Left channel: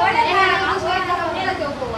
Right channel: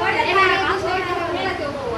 আরে এটা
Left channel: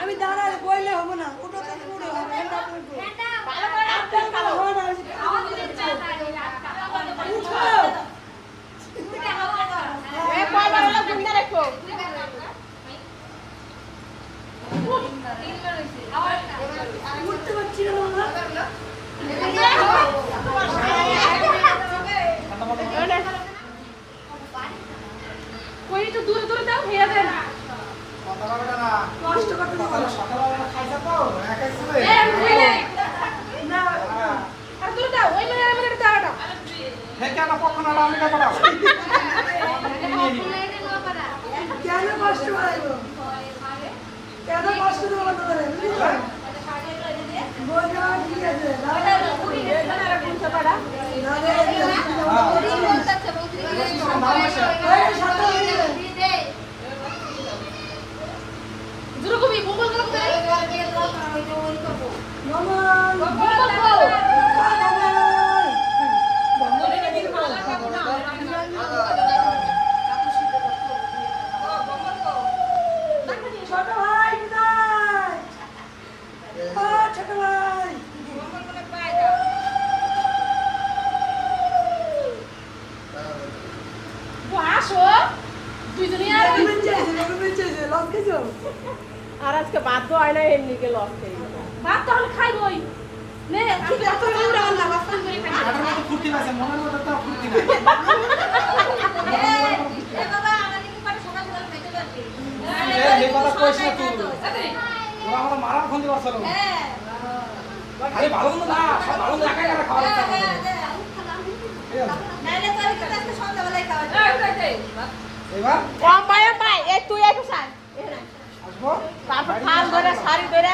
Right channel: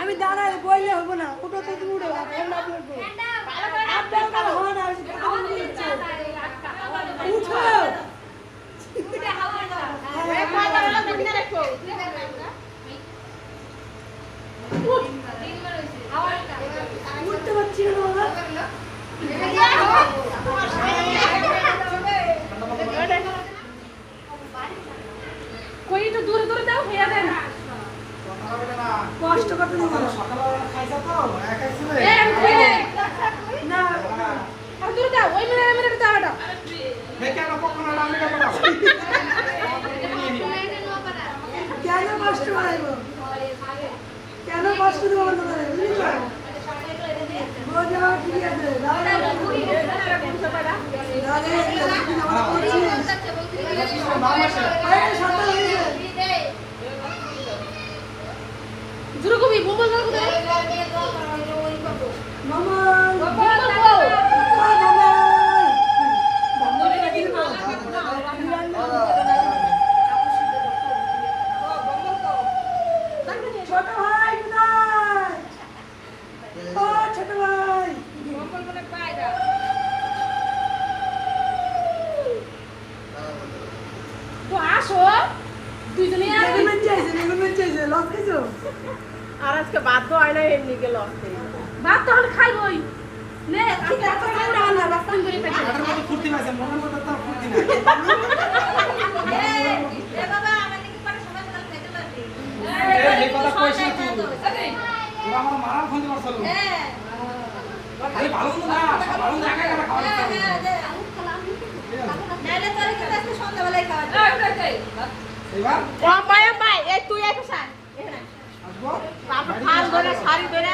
আমি দাঁড়ালে বললে হব না কুটো থেকে উঠো আপনার কাছে হন আর উঠো উঠতে পারছি না তো দূরে দূরে যাও ফিরে যাও না কথা বলবে না কষ্ট করতে সকালে সকালবেলা তো ওই মেরে মেরে হে কেন কখন আমি না কেন কষ্ট বাড়াইবো কেন কষ্ট দেবো তোমাদের বুঝলি বোঝা হয় না গেল ভাত তাহলে খাই লই নে ঠিক আছে আমরা না বাস্তান করে খাই মাঠের মধ্যে ফুর্তি পাইছে মনের মধ্যে তো ফুর্তি নাই। এ হে কথা কইছ না তুই ওরা আমার মারার ফোন দিবার চলো আরে ভালো না ভালো মন্দ একাই একা খাওয়া ইচ্ছা করে। ঠিক আছে। এইবার? মায়া পাই এই তুই একটু সার আসব তারপর বাড়ি খাল ধরে যাব। শাড়ি ধরে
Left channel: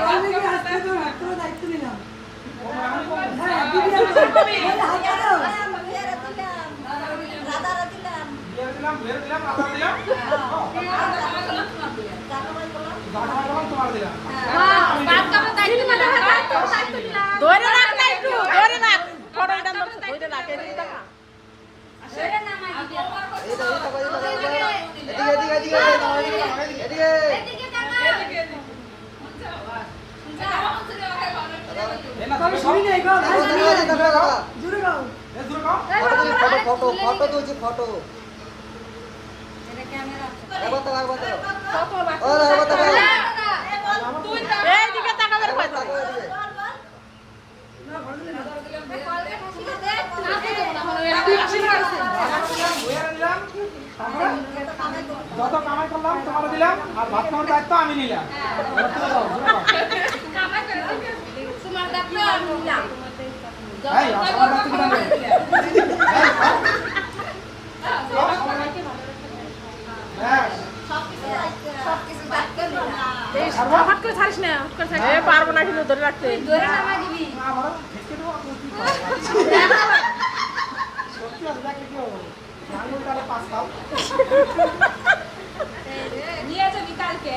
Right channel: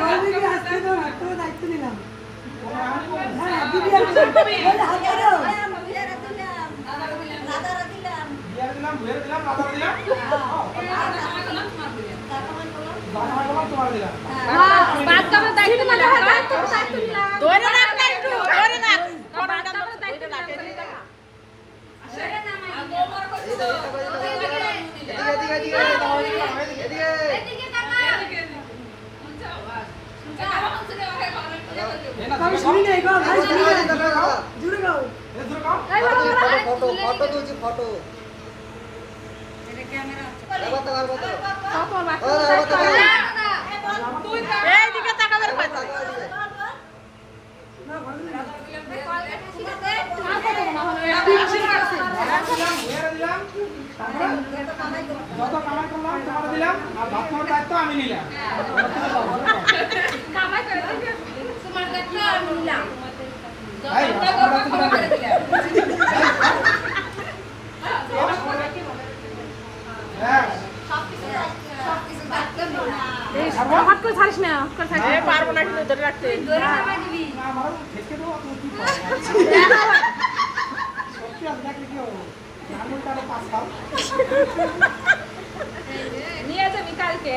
মালবিকে আসতে দাও না তোমার দায়িত্ব নিলাম হ্যাঁ দিদি বলে হাতটা দাও বিয়ার দিলাম ভুয়ের দিলাম আদার দিলাম বাটা বাটা তোমার দিলাম ধরে রাখ না একটু ধরে রাখ ফটোটা ধরে রাখ এদিকে তাকা। এ না আমি তুমি শুনি খাও নেই গো ভাই তুমি খাও জুড়ে গাও এ দূর খাও ফটো ফটো তুলছি যত কামাই করলাম তোমার দিলাম আর ভাত খাওয়ার দায়িত্ব আমি নিলাম। সত্যি। নিয়ে যাবি কালকে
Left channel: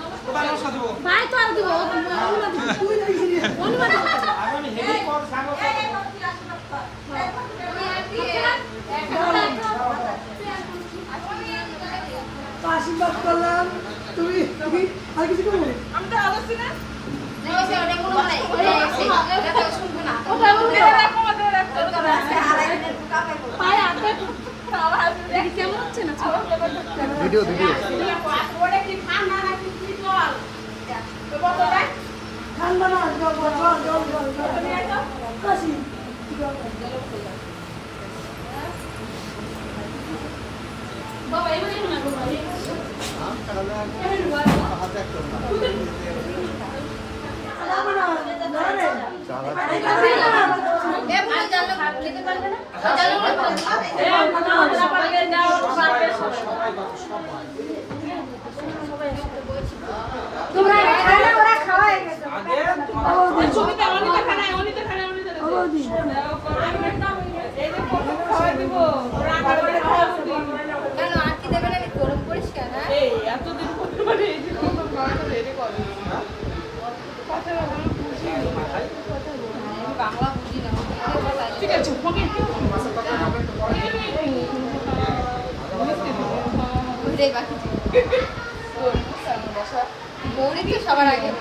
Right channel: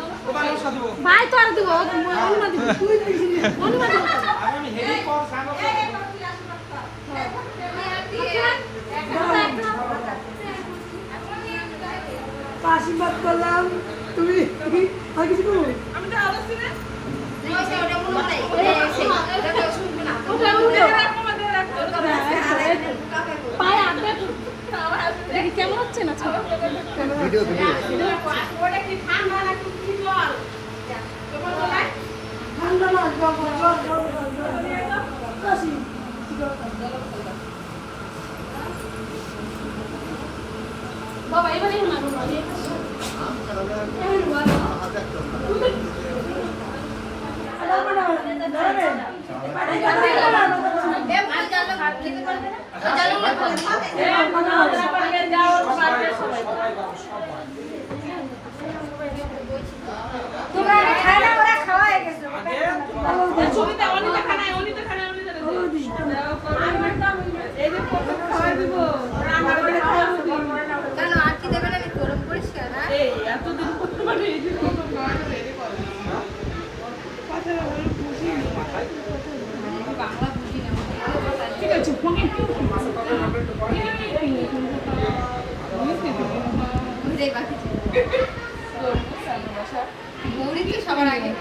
ভাই তো আর দিব অনুমা দিব তুই দেখছিস অনুমা আমি হেভি কল সাঙ্গ আশীর্বাদ করলাম। তুমি তুমি আর কিছু করব? ওটা ভিডিও ভিডিও ঠান্ডা না জল জল জল জল জল জল কাশি জল বাবা এবারে মারু যাবে না ধরে তোমরা খানা ওরা খাওয়াই গেছে আগে বৌদি ছবিটা অনিতে খানা অনিতে খানা অনিতে বৌদি এই যে ফটো খাওয়াই দিব রান্না করে খাওয়াই দিব কেন আর কি দেবেন আমি গরম পরিষ্কার হ্যাঁ এই এতদিন করতে পারি এই যে ফটো খাওয়াই রেডি কর কথা বলো বুঝি বাংলা বুঝি না ঠিক আছে ফোনে ঘুরে গাছি গৌরী তো সবার আগে।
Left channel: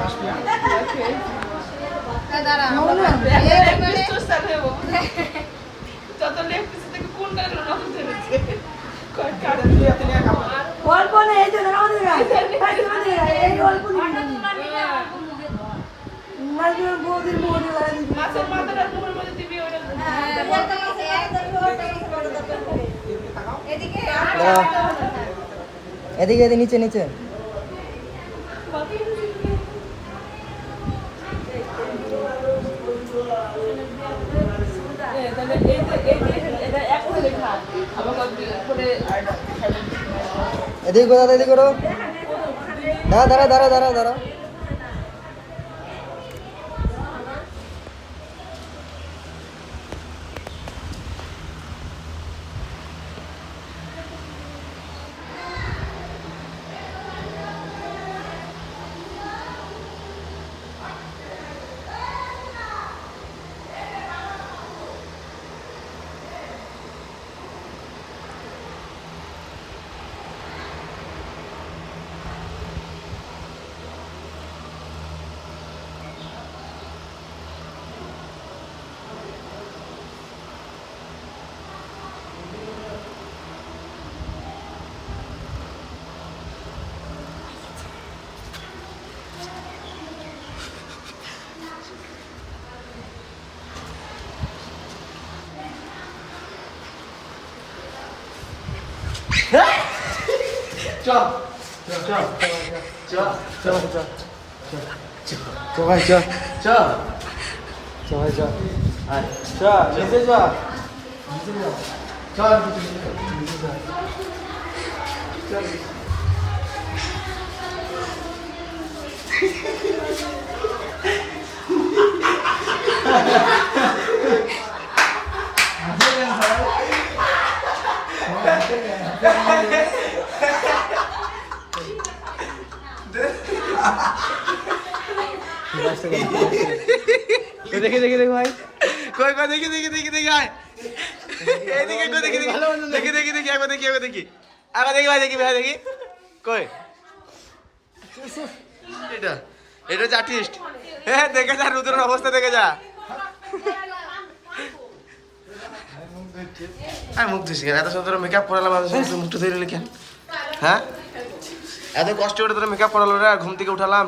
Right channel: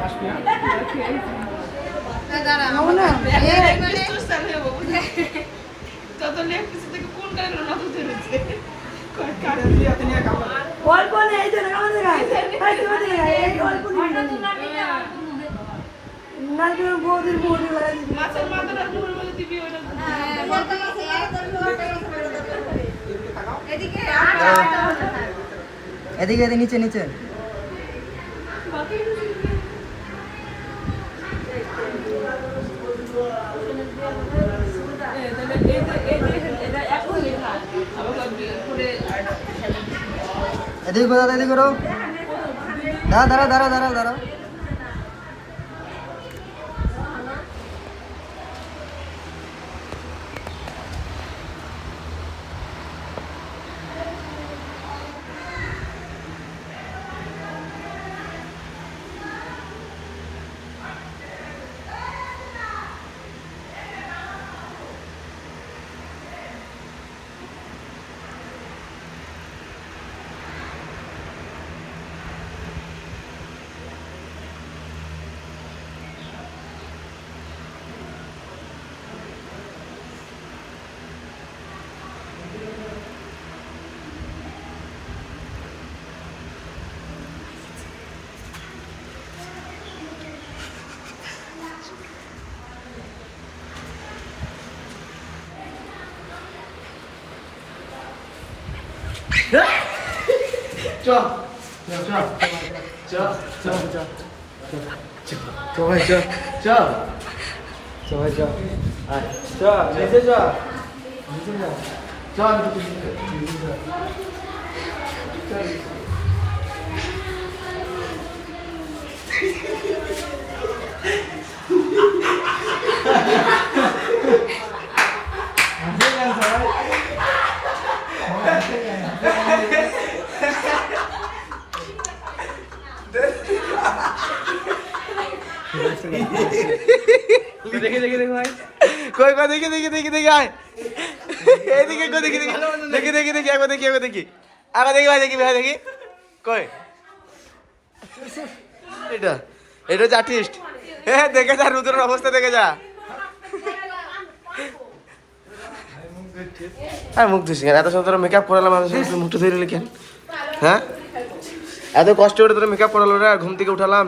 আসবি হ্যাঁ? দাঁড়া খাব না এই মানে যত লেপ কিছু থেকে কোন গাড়ি রকম চলেছে কারণ তুই এত নিয়ে কাজ কর। গল্প নেই এই জন্য আমাদের গায়ে তোমাদের এই গল্প নেই না তুমি বৌদির মুড়ি লাগাই দিবি মাছের মাথাটা তোমার মধ্যে দিবি ওইটা এদিকে তাকাও এদিকে এদিকে এদিকে নিচে নিচে এদিকে কোথা এদিকে করো দাঁড়া দাঁড়া কই কই দেখি দেখি দেখি দেখি, আয়। এদিকে কই দেখি দেখি দেখি দেখি দেখি, একবার দেখি একবার দেখি। আগে দেখি ভাই দেখি ভাই, দেখি। কই? এটা এটা হচ্ছে আর্টিস্ট হ্যাঁ দেখে যা, রুদ্রের অবস্থা দেখে যা। হ্যাঁ মুখ ধুসি কেন? এত সুন্দর মেকআপ করালাম আমি মুখটা ধরে কেন? হ্যাঁ? এত কষ্ট করে তোরা মেকআপ করালো রে ঘুম থেকে উঠালাম।